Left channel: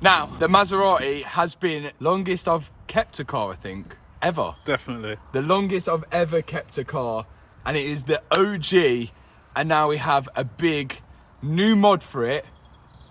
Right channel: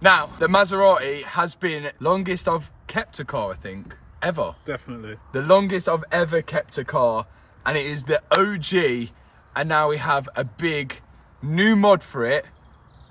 Now, the Maserati has been longest I've kept a car, I think, ever. Definitely. The longest I've ever kept a car, and it is the OG, and now we have a big new mod for it,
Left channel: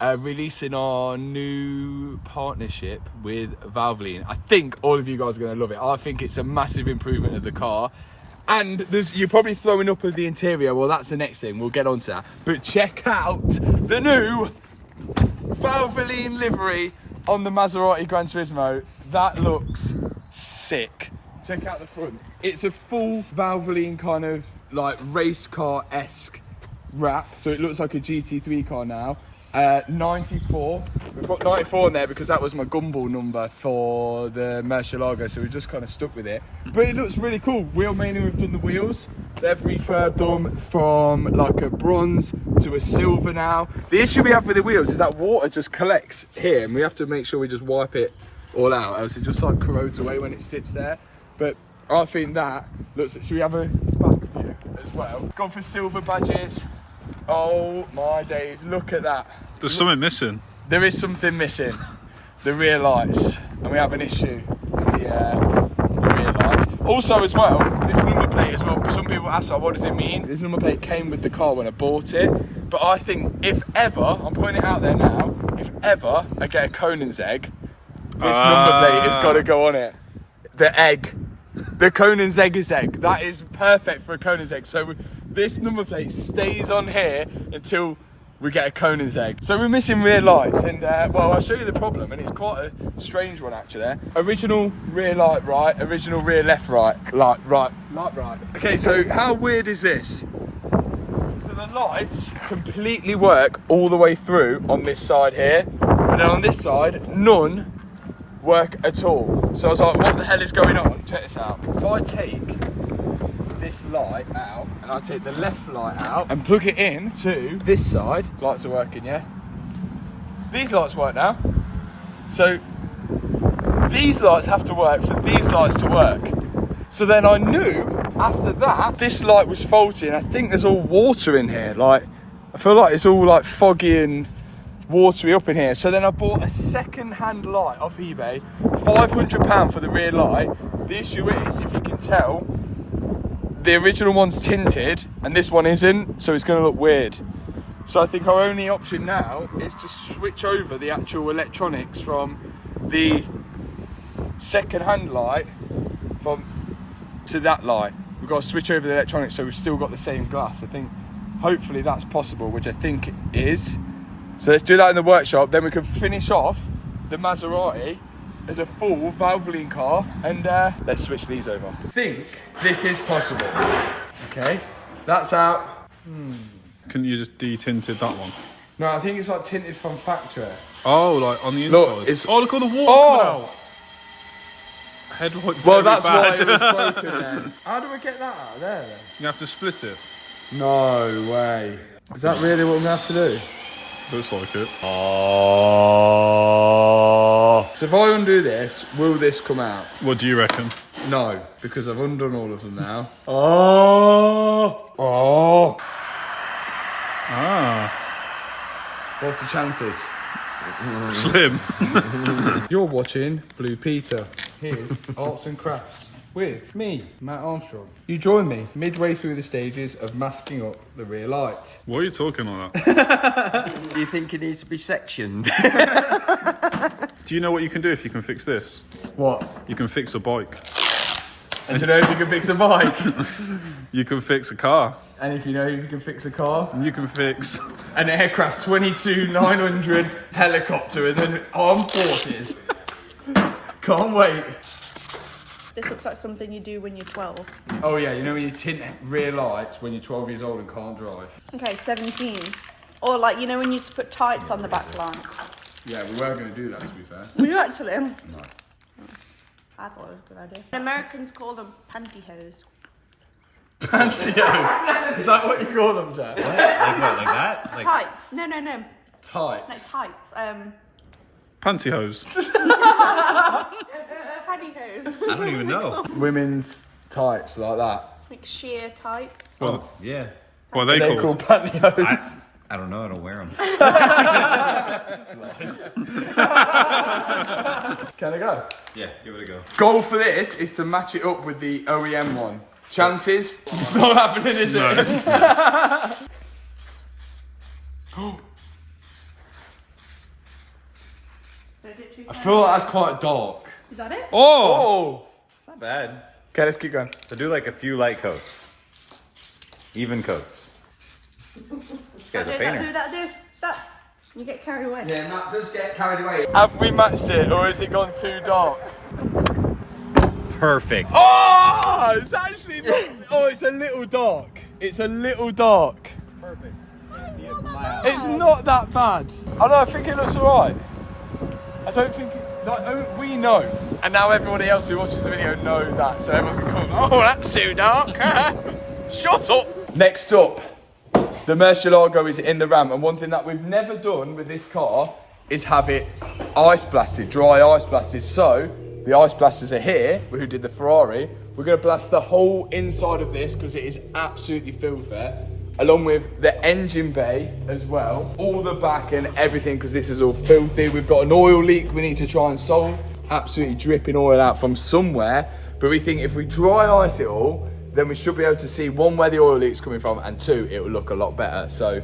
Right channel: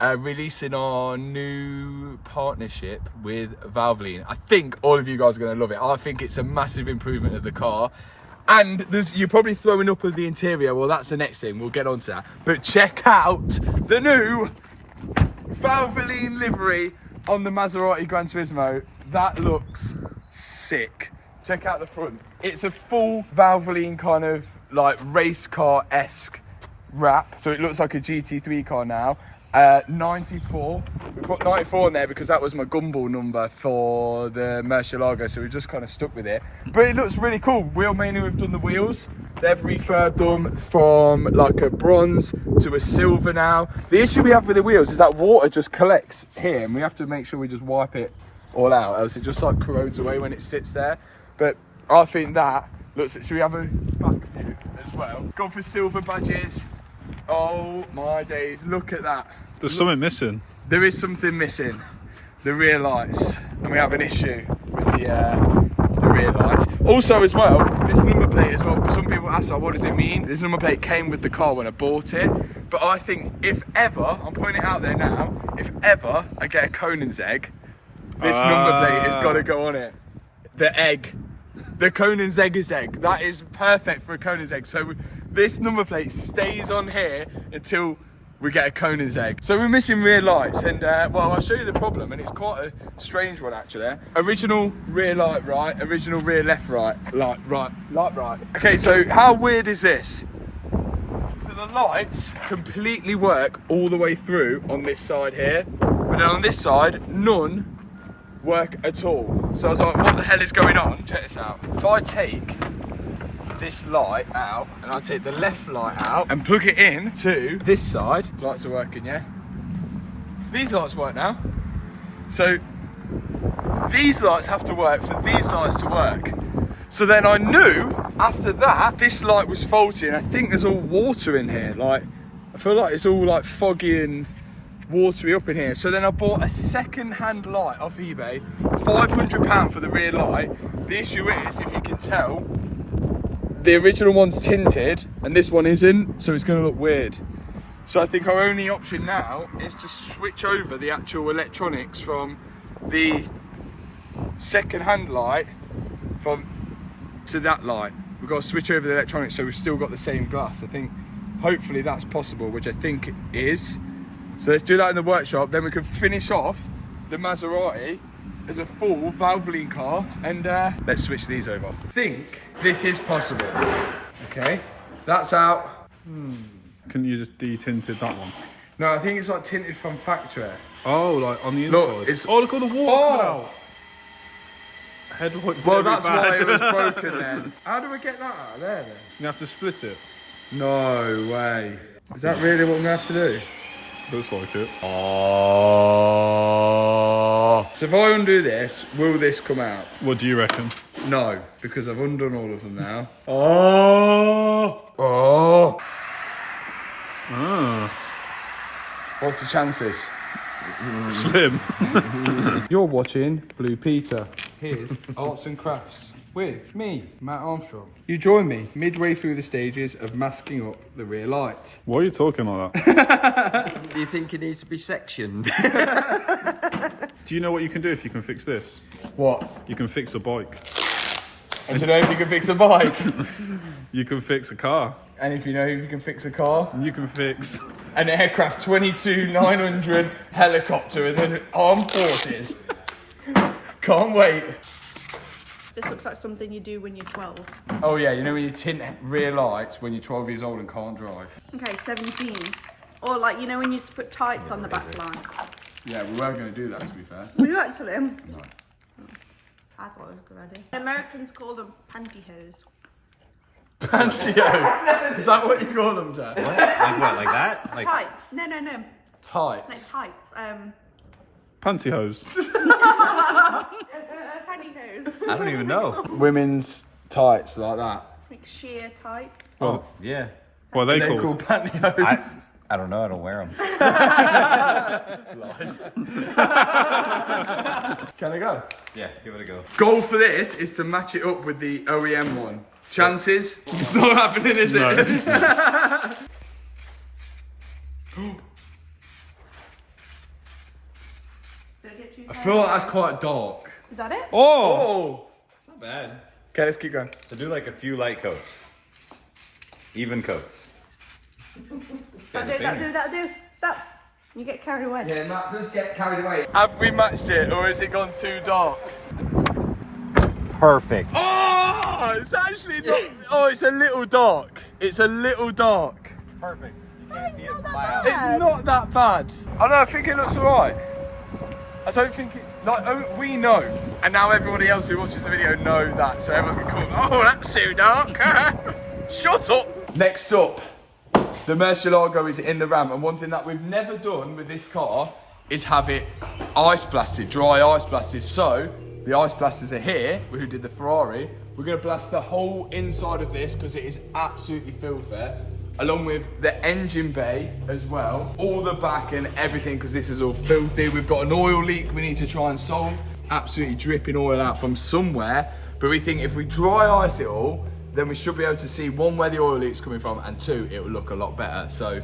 releasing our new partnership with Valvoline. I think all of you guys are going to love it. I think it's a massive improvement of the car. And you're probably throwing up of the interior. Well, that's the next thing. We'll get on to that. But check out the new Valvoline livery on the Maserati Gran Turismo. That looks sick. Check out the front. It's a full Valvoline kind of like race car-esque wrap. So it looks like a GT3 car now. 94. We put 94 in there because that was my gumball number for the Murcielago, so we just kind of stuck with it. But it looks really cool. Wheel mania have done the wheels. They've refurbed them from like a bronze to a silver now. The issue we have with the wheels is that water just collects here, and we have to make sure we just wipe it all out, else it just like corrodes away when it sits there. But I think that looks. Should we have a back view as well? Gone for silver badges. Oh my days, look at that. There's something missing. There is something missing. The rear lights. And we have an issue with the rear lights. Also as well, this number plate as well, some people ask, what does it mean? This number plate came with the car when I bought it. But I think if ever, I'm putting it out there now, if ever I get a Conan's egg, this number plate has got to go on it. The egg. The Conan's egg is egg. That is perfect for a Conan's egg. So this number plate stays on here until we get a Conan's egg. So we're missing rear lights, and well, I'll show you the problem, and it's quite a strange one actually. Original rear light right, original rear left right, light right, light right. Okay, so how weird is this? So the lights completely work all the way through on this side here, and then on this side, none work at all. So I was like, what the hell is going on? Check this out. If I take this light out, and I take the left light out and plug it in to this side, lights are working, yeah? These lights work now. So these lights have to work for these lights to work. So then I knew after that, this light was faulty, and I think there's all water in here. Like, I feel like it's all like foggy and watery up in here. So then I bought a second-hand light off eBay, £500 for the rear light. The issue is, if you can tell, the original one's tinted and this one isn't, so it's going to look weird. So I think our only option now is to switch over the actual electronics from the second-hand light to that light. We've got to switch over the electronics so we've still got the same glass. I think hopefully that's possible, which I think it is. So let's do that in the workshop, then we can finish off the Maserati as a full Valvoline car, and let's switch these over. I think this is possible. Okay, that's out. Couldn't you just de-tinted that one? No, I think it's like tinted from factory. Oh, like on the inside. Look, it's... Oh, look at all the water coming out. Headlight very that's bad. why it was broken then. How do we get that out of there then? You have to split it. No way. Is that really what I'm gonna have to do? Looks like it. Oh. So if I undo this, will this come out? What do you reckon? No, because I've undone all of them now. Oh. Oh. Ah. What's the chances? Slim. You're watching Blue Peter. Here's Arts and Crafts with me, Matt Armstrong. You join me midway through the stages of masking up the rear light. Why are you talking like that? Do you think it needs to be sectioned? Do you know what you can do if you can fix this? What? You can fix a bike. And do you know if you can fix a bike? You can fix a car. And if you know if you can fix a car? You can fix an aircraft 22-900 helicopter and then armed forces. Can't wait. This looks like something you do when you're 12. Oh yeah, you know when you tint rear lights when you're 12 years old and can't drive. Okay, 17. Or like, you know when you just put tights on the back line. Yeah, we were going to do that, to be fair. Were you actually? No. I thought it was a good idea. The Americans call them pantyhose. Pantyhose? Is that what you call them, Jack? Like what, like that? Like... Tights. No. Tights? Like tights. pantyhose. Pantyhose. I don't even know. Women's tights, like that. Like sheer tights. Well, yeah. What are they They're called? called pantyhose. I don't know. I don't wear them. Can I go? Yeah, give it a go. Goal for this is to match it up with the OEM one. Chances? It's not happening, is it? I feel like that's quite dark. Is that it? Oh! It's not bad. Okay, let's keep going. So do like a few light coats. Even coats. This guy's a painter. That. You get carried away. Yeah, Matt does get carried away. Have we matched it, or has it gone too dark? Perfect. Oh, it's actually not. Oh, it's a little dark. It's a little dark. Perfect. You can't see it from my house. It's not that bad. I know. I think it looks alright. I don't think it. Like we know, and now everybody else who watches the video know that. So everyone's been calling. Oh, that's too dark. Shut up. Next up, the Murcielago is in the Ram, and one thing that we've never done with this car is have it ice blasted, dry ice blasted. So the ice blasters are here. Who did the Ferrari? We're going to blast the whole inside of this because it is absolutely filled there, along with the engine bay as well, all the back and everything, because this is all filthy. We've got an oil leak we need to try and solve, absolutely dripping oil out from somewhere. But we think if we dry ice it all, then we should be able to see, one, where the oil leak's coming from, and two, it will look a lot better. So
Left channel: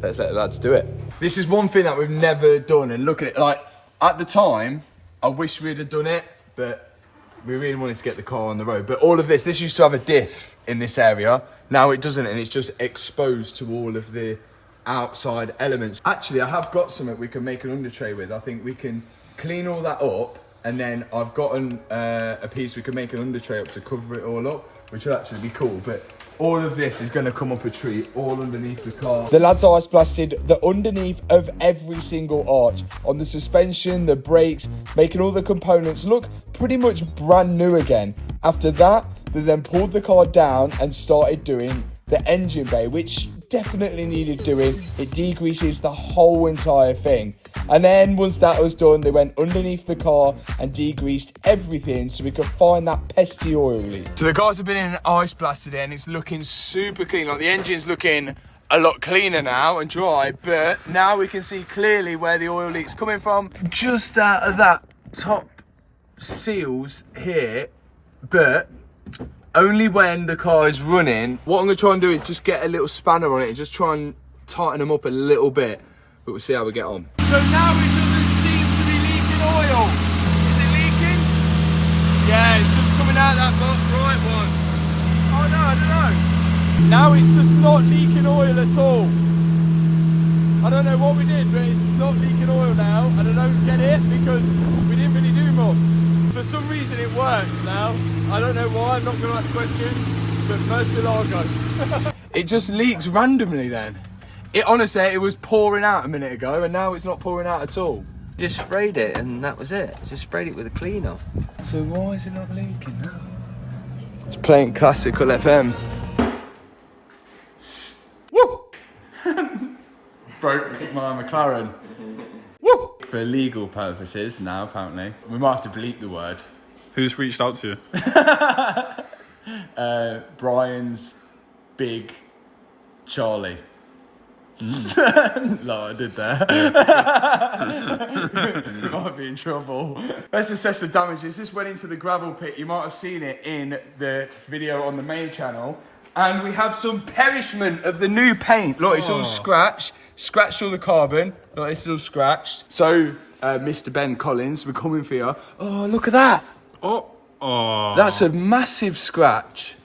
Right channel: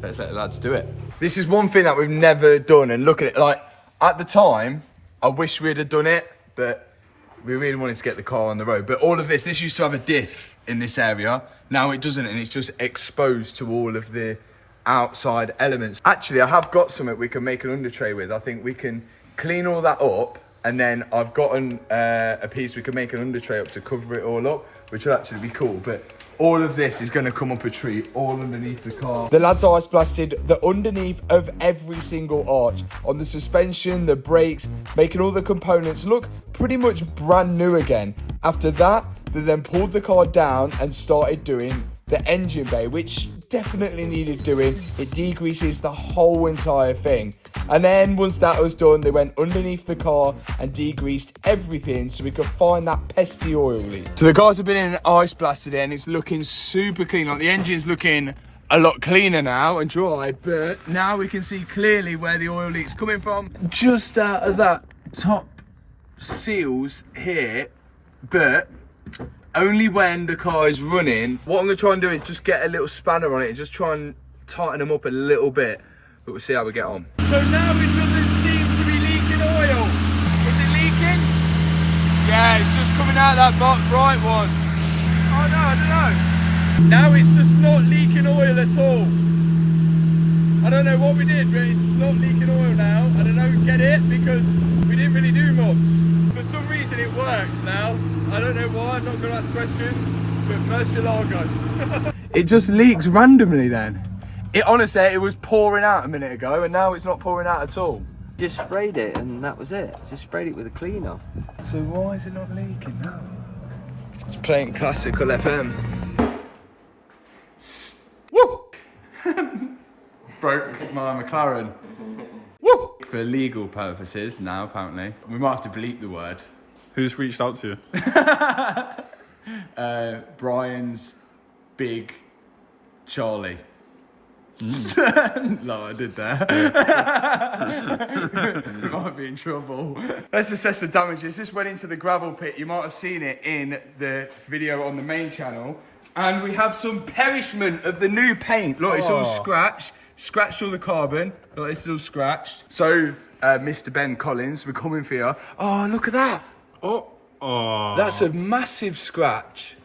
let's let the lads do it. This is one thing that we've never done, and look at it, like at the time, I wish we'd have done it, but we really wanted to get the car on the road. But all of this used to have a diff in this area. Now it doesn't, and it's just exposed to all of the outside elements. Actually, I have got something we can make an under tray with. I think we can clean all that up, and then I've gotten a piece we can make an under tray up to cover it all up, which will actually be cool. But all of this is going to come up a tree all underneath the car. The lads ice blasted the underneath of every single arch, on the suspension, the brakes, making all the components look pretty much brand new again. After that, they then pulled the car down and started doing the engine bay, which definitely needed doing. It degreases the whole entire thing. And then once that was done, they went underneath the car and degreased everything so we could find that pesky oil leak. So the guys have been in ice blasted in. It's looking super clean. Like the engine's looking a lot cleaner now and dry, but now we can see clearly where the oil leak's coming from. Just out of that top seals here, but only when the car is running. What I'm gonna try and do is just get a little spanner on it and just try and tighten them up a little bit, but we'll see how we get on. So now it doesn't seem to be leaking oil. Is it leaking? Yeah, it's just coming out that bright one. Oh no, I don't know. Now it's just not leaking oil at all. I don't know what we did, but it's not leaking oil now, and I don't get it because we didn't really do much. For some reason it works now. I don't know why, I'm not going to ask questions, but Murcielago. It just leaks randomly then. It honestly, it was pouring out a minute ago, and now it's not pouring out at all. Just sprayed it and that was it. Just sprayed it with a cleaner. So why is it not leaking now? It's playing classical FM. Woo! Broke my McLaren. Woo! For legal purposes now, apparently. We might have to bleep the word. Who's reached out to you? Brian's big Charlie. Like I did there. We might be in trouble. Let's assess the damages. This went into the gravel pit. You might have seen it in the video on the main channel. And we have some perishment of the new paint. Look, it's all scratched. Scratched all the carbon. Look, it's all scratched. So, Mr. Ben Collins, we're coming for you. Oh, look at that. Oh. That's a massive scratch.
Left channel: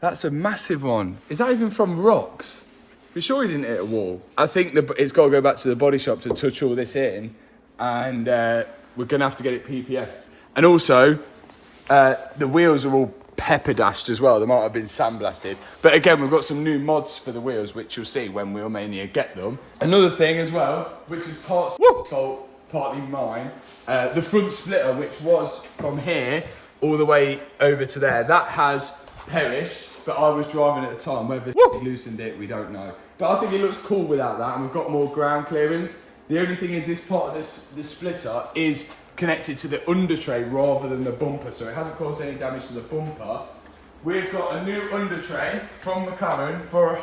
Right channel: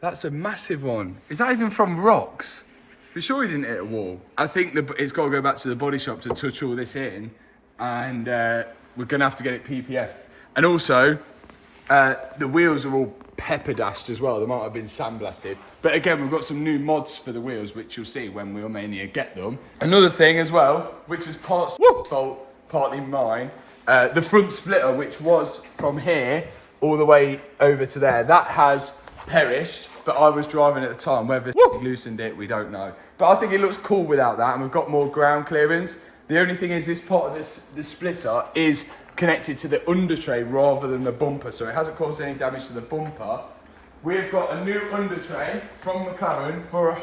That's a massive one. Is that even from rocks? For sure he didn't hit a wall. I think it's got to go back to the body shop to touch all this in, and we're going to have to get it PPF. And also, the wheels are all pepper dashed as well. They might have been sandblasted. But again, we've got some new mods for the wheels, which you'll see when we'll mania get them. Another thing as well, which is part's fault, partly mine, the front splitter, which was from here all the way over to there, that has perished. But I was driving at the time. Whether loosened it, we don't know. But I think it looks cool without that, and we've got more ground clearance. The only thing is, this part of the splitter is connected to the under tray rather than the bumper, so it hasn't caused any damage to the bumper. We've got a new under tray from Mclaren for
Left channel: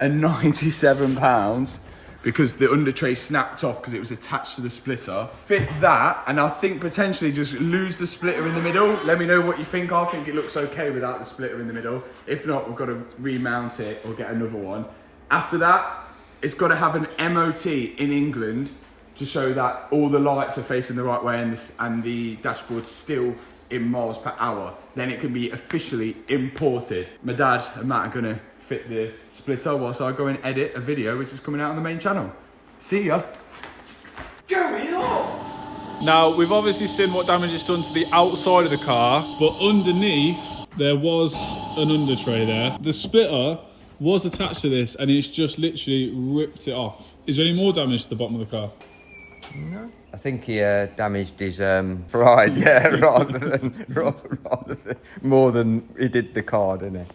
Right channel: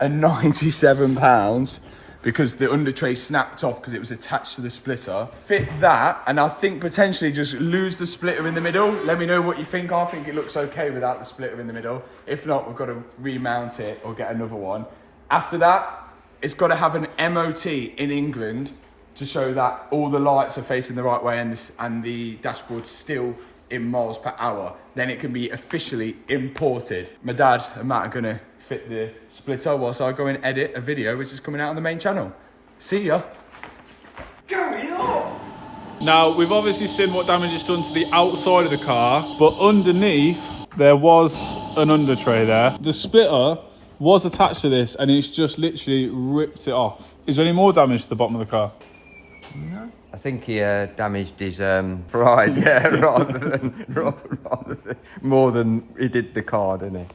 £197 because the under tray snapped off because it was attached to the splitter. Fit that, and I think potentially just lose the splitter in the middle. Let me know what you think. I think it looks okay without the splitter in the middle. If not, we've got to remount it or get another one. After that, it's got to have an MOT in England to show that all the lights are facing the right way and the dashboard's still in miles per hour. Then it can be officially imported. My dad and Matt are gonna fit the splitter whilst I go and edit a video which is coming out on the main channel. See ya. Going on. Now, we've obviously seen what damage it's done to the outside of the car, but underneath there was an under tray there. The splitter was attached to this and it's just literally ripped it off. Is there any more damage to the bottom of the car? No. I think he damaged his pride, yeah, rather than more than he did the car, didn't he?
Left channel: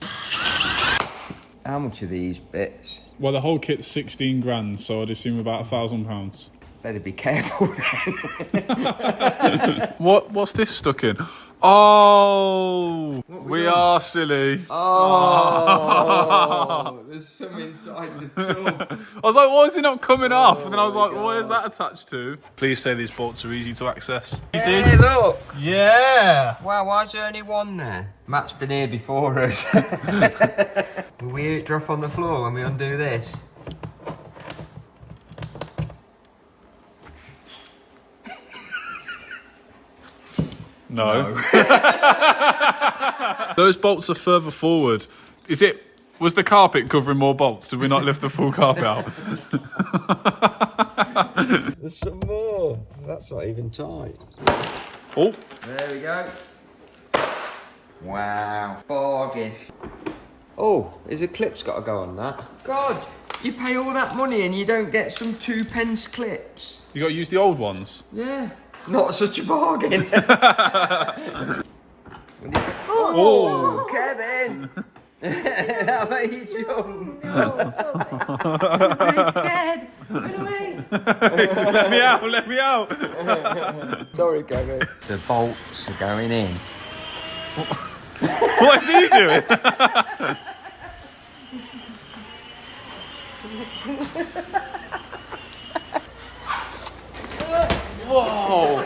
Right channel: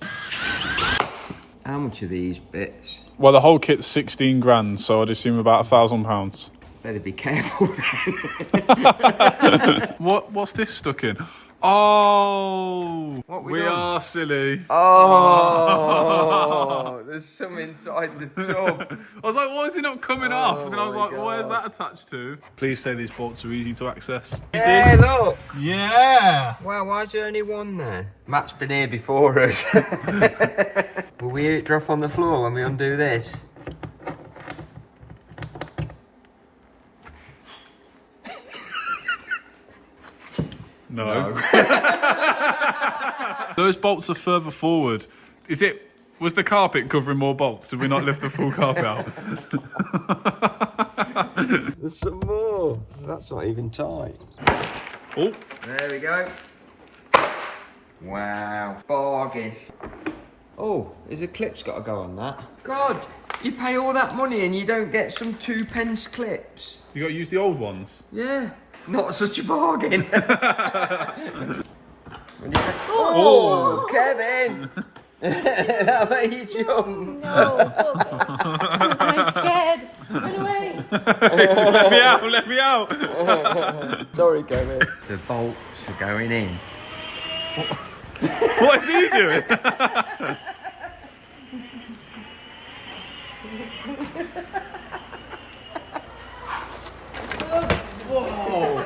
How much are these bits? Well, the whole kit's 16 grand, so I'd assume about £1,000. Better be careful then. What's this stuck in? Oh, we are silly. Oh, there's some inside the tub. I was like, why is it not coming off? And then I was like, where's that attached to? Please say these bolts are easy to access. Hey, look. Yeah. Wow, why is there only one there? Matt's been here before us. Will we hear it drop on the floor when we undo this? No. Those bolts are further forward. Was the carpet covering more bolts? Did we not lift the full carpet out? There's some more. That's not even tight. Oh. There we go. Wow. Bargain. Oh, there's a clip's got to go on that. God, you pay all that money and you don't get some 2p clips. You got to use the old ones? Yeah. Not such a bargain. Oh, Kevin! That made you jump. No. I'm scared. Get away. Let me out. Sorry, Kevin. The bolts are going in. What is he doing? Whoa.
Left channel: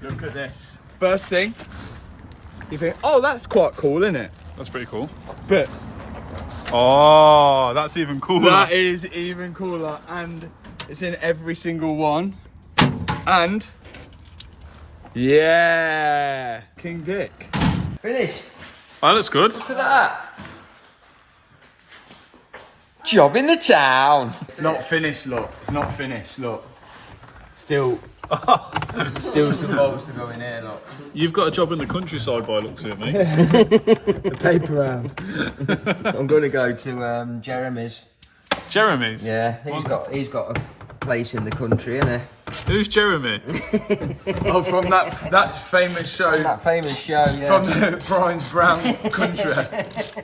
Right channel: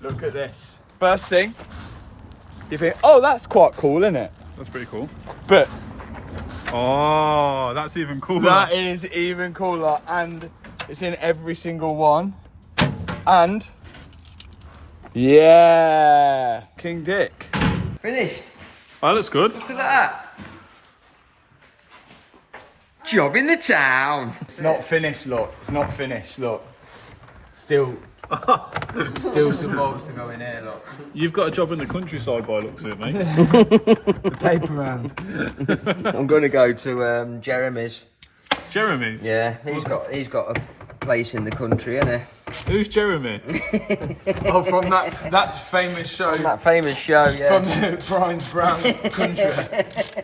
Look at this. First thing, you think, oh, that's quite cool, isn't it? That's pretty cool. But oh, that's even cooler. that is even cooler, and it's in every single one. And yeah, King Dick. Finished. Oh, that looks good. Look at that. Job in the town. It's not finished, look. It's not finished, look. Still some bolts to go in here, look. You've got a job in the countryside by looks of it, mate. The paper round. I'm going to go to Jeremy's. Jeremy's? Yeah, he's got a place in the country, isn't he? Who's Jeremy? Oh, from that famous show. From that famous show, yeah. From the Brian's Brown country.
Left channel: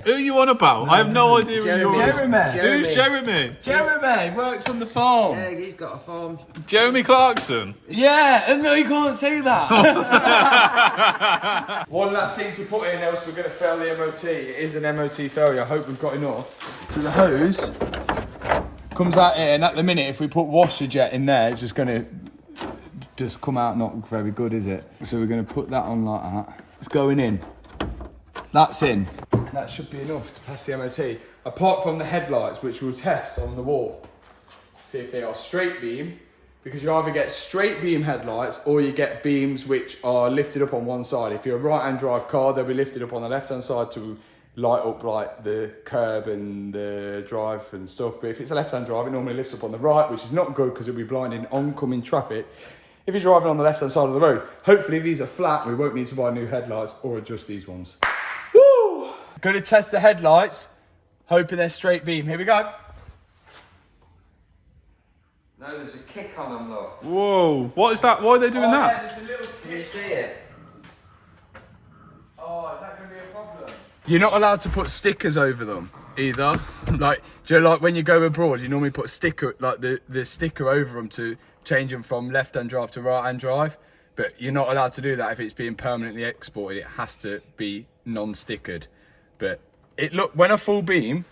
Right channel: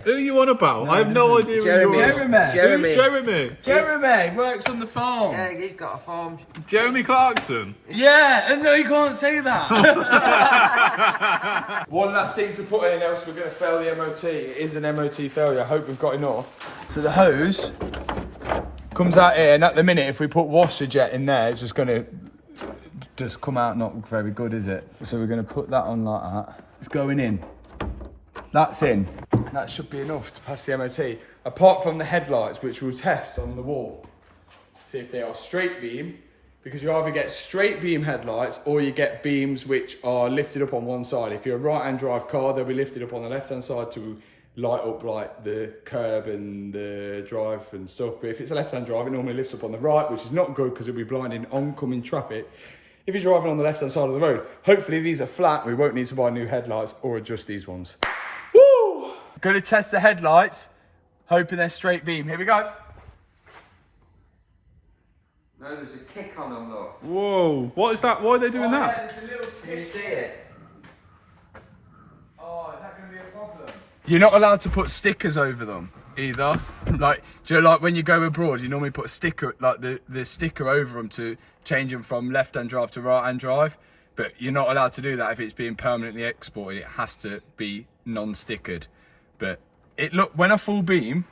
Who are you on about? I have no idea who you're Jeremy. Who's Jeremy? Jeremy works on the farm. Yeah, he's got a farm. Jeremy Clarkson? Yeah, and no, you can't say that. One last thing to put in, else we're going to fail the MOT. It is an MOT failure. I hope we've got enough. So the hose comes out here, and at the minute, if we put washer jet in there, it's just going to come out not very good, is it? So we're going to put that on like that. It's going in. That's in. That should be enough to pass the MOT. Apart from the headlights, which we'll test on the wall. See if they are straight beam, because you either get straight beam headlights or you get beams which are lifted up on one side. If you're a right-hand drive car, they'll be lifted up on the left-hand side to light up like the curb and the drive and stuff. But if it's a left-hand drive, it normally lifts up on the right, which is not good because it'll be blinding oncoming traffic if you're driving on the left-hand side of the road. Hopefully these are flat, we won't need to buy new headlights or adjust these ones. Woo! Gonna test the headlights, hoping they're straight beam. Here we go. No, there's a kick on them, look. Whoa, what is that? Why are they doing that? Yeah, there's a little Can you see it? Oh, is that going to be a problem? You're not allowed to put stickers over them either. Like, do you know, like when you go abroad, you normally put sticker, like the sticker over them to change them from left-hand drive to right-hand drive. but you're not allowed to do that if it's being permanently exported. It has to be non-stickered. But when I full beam,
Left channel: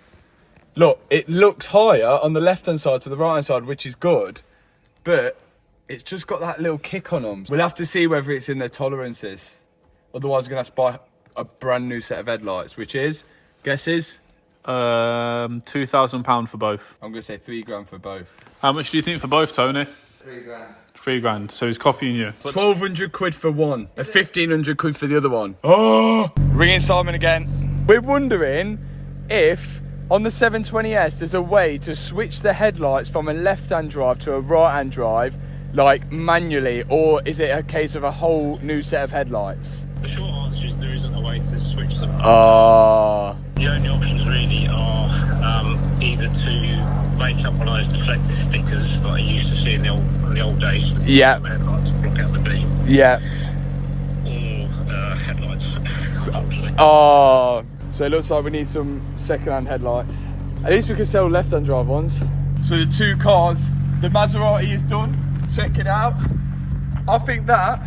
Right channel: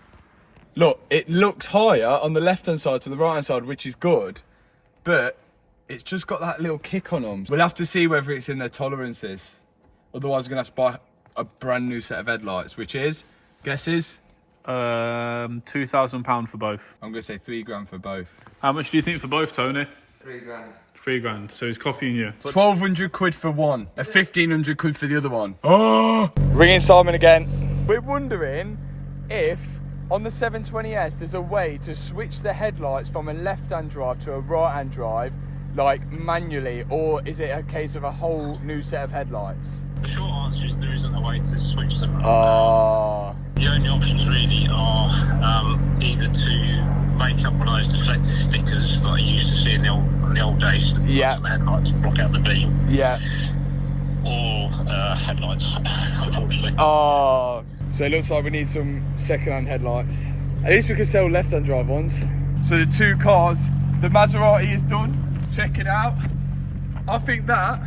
look, it looks higher on the left-hand side to the right-hand side, which is good, but it's just got that little kick on them. We'll have to see whether it's in their tolerances. Otherwise, we're gonna have to buy a brand new set of headlights, which is, guesses? £2,000 for both. I'm gonna say £3 for both. How much do you think for both, Tony? £3. £3. So he's copying you. 1,200 quid for one, 1,500 quid for the other one. Oh! Ringing Simon again. We're wondering if on the 720S there's a way to switch the headlights from a left-hand drive to a right-hand drive, like manually, or is it a case of a whole new set of headlights? The short answer is there isn't a way to switch them. The only options really are either to make up one of those deflector stickers that I used to see in the old days. Yeah. The headlights to block out the beam. Yeah. Or headlights, unfortunately. So it looks like we need some second-hand headlights. At least we can sell left-hand drive ones. So the two cars, the Maserati is done. Check it out. I think that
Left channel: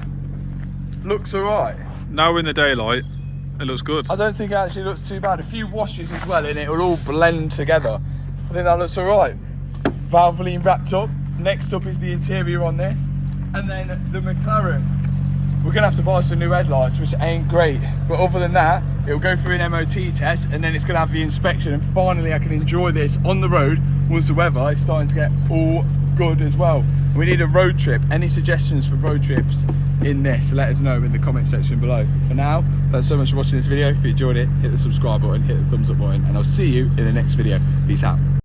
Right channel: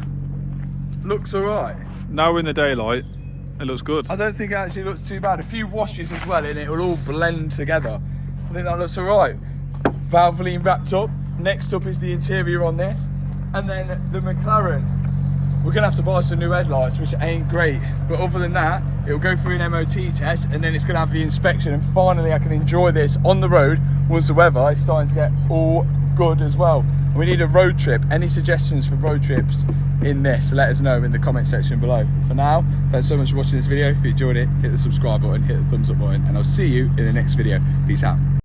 looks alright. Now we're in the daylight, it looks good. I don't think it actually looks too bad. A few washes as well and it will all blend together. I think that looks alright. Valvoline wrapped up. Next up is the interior on this. And then the Mclaren. We're gonna have to buy some new headlights, which ain't great. But other than that, it'll go through an MOT test and then it's gonna have the inspection, and finally I can enjoy this on the road once the weather is starting to get all good as well. We need a road trip. Any suggestions for road trips in this? Let us know in the comment section below. For now, thanks so much for watching this video. If you enjoyed it, hit the subscribe button, hit the thumbs up button, and I'll see you in the next video. Peace out.